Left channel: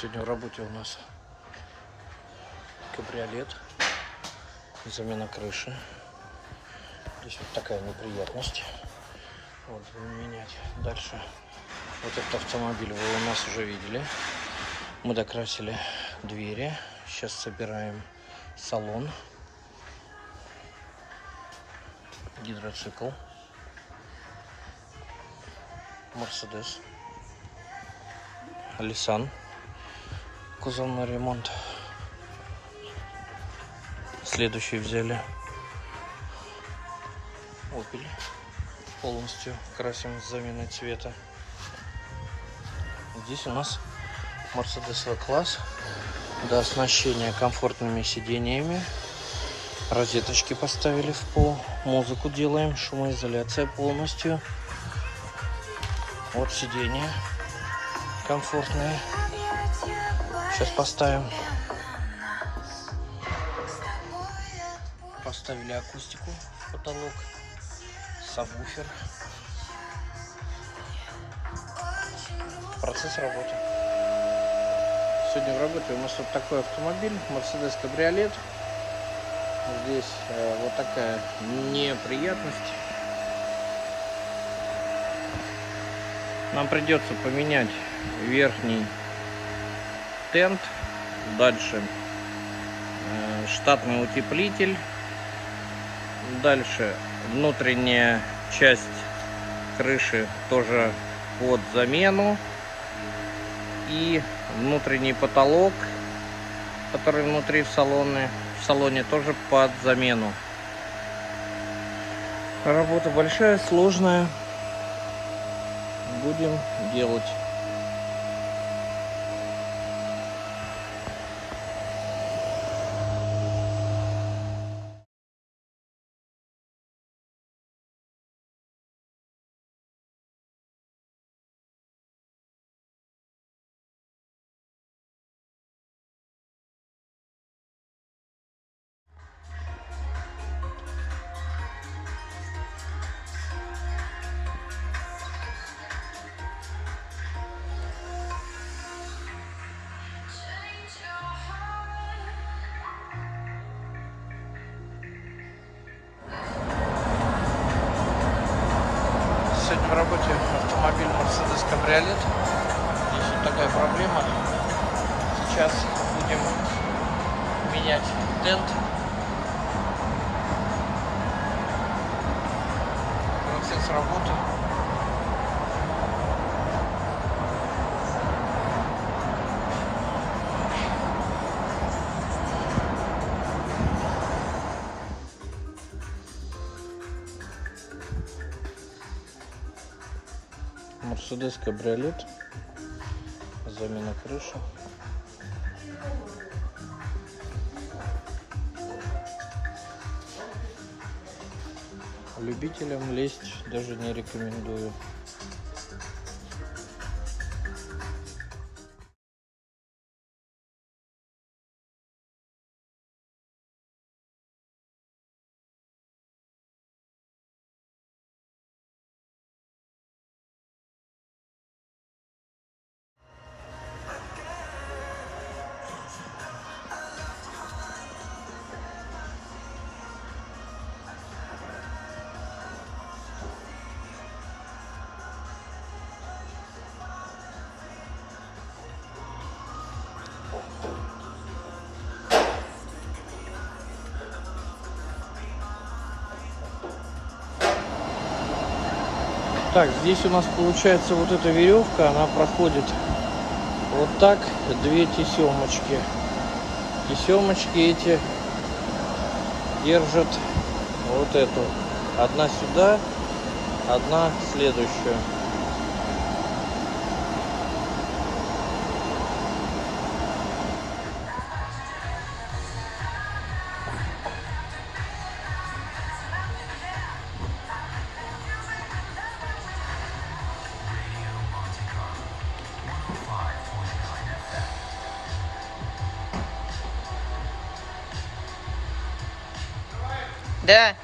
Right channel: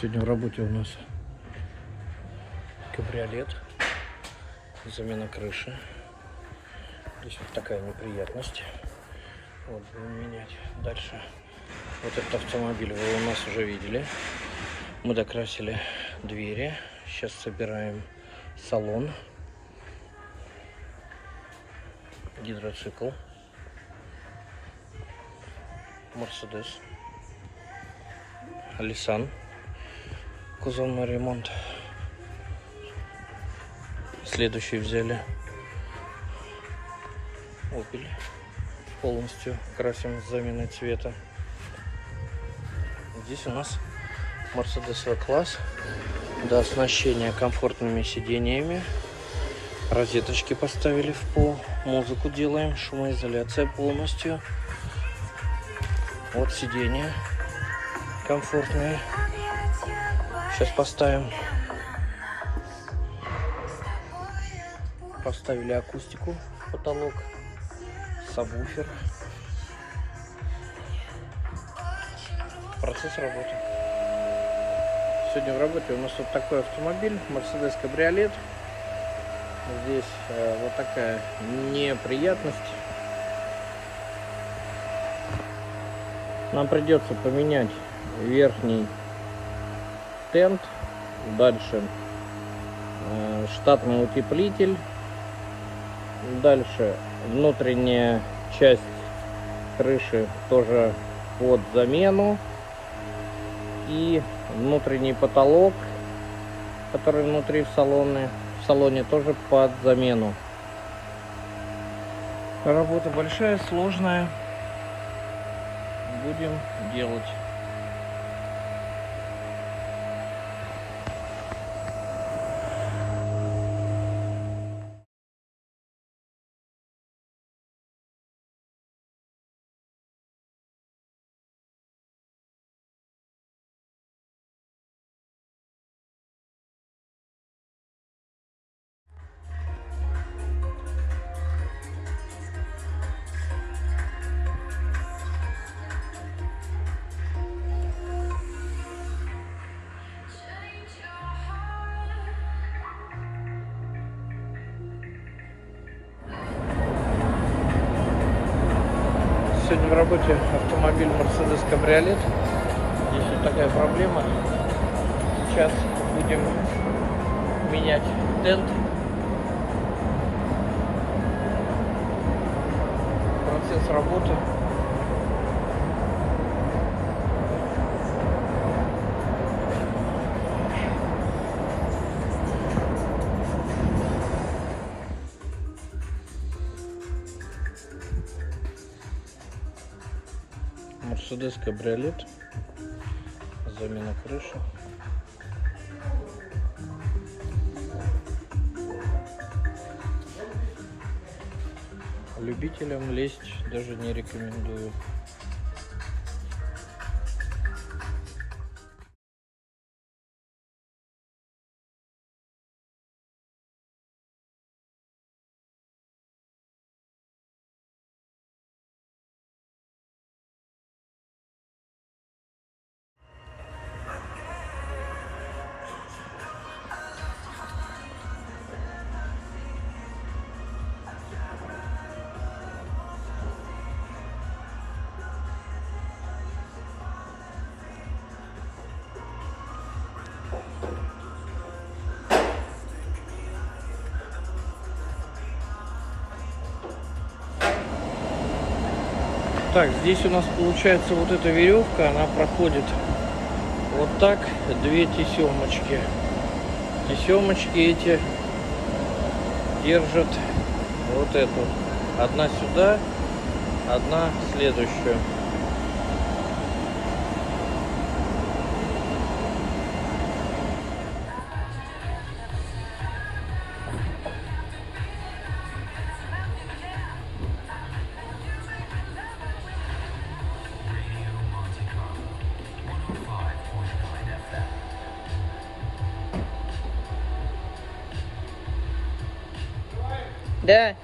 Сегодня в работе у нас кабриолет, замена крыши. Здесь вот такая неприятность. Вот, будем менять. Дальше. Вот этот автомобиль вы у нас уже видели. Мы докрасили двери. Сейчас собираем салон. Гидроцикл. Мерседес. Nissan. Кузовный ремонт. Следующий взяли Opel. Полностью красим с заменой цвета. Здесь у нас Mercedes V-класс. До оснащения комфортными сидениями. Розеточки поставили в пол. Музыку делаем. Шумоизоляция полностью. Вот сиденья комфортные. Сейчас поставим. Поставили акустику в потолок. Сабвуфер. Процесс работы. Сегодня в работе у нас вот такой автомобиль. Mercedes кабриолет. Здесь вот такая неприятность. Нам придется поменять верхний тент. Дальше штатный утеплитель. Дальше внутренняя часть крыши тоже под замену. И внутренний потолок, который внутри в салоне тоже под замену. Работа большая, сложная. Будем делать. Сегодня в работе автомобиль Mercedes кабриолет. Здесь вот такая проблема. Сейчас будем менять тент. Процесс работы. Mercedes кабриолет. Замена крыши. Любителям лезть даже не рекомендую. Так, здесь у нас получается вот эта веревка, она проходит вот так, две тесемочки. Тесемочки эти держат вот эту. Одна сюда, одна следующую. Да.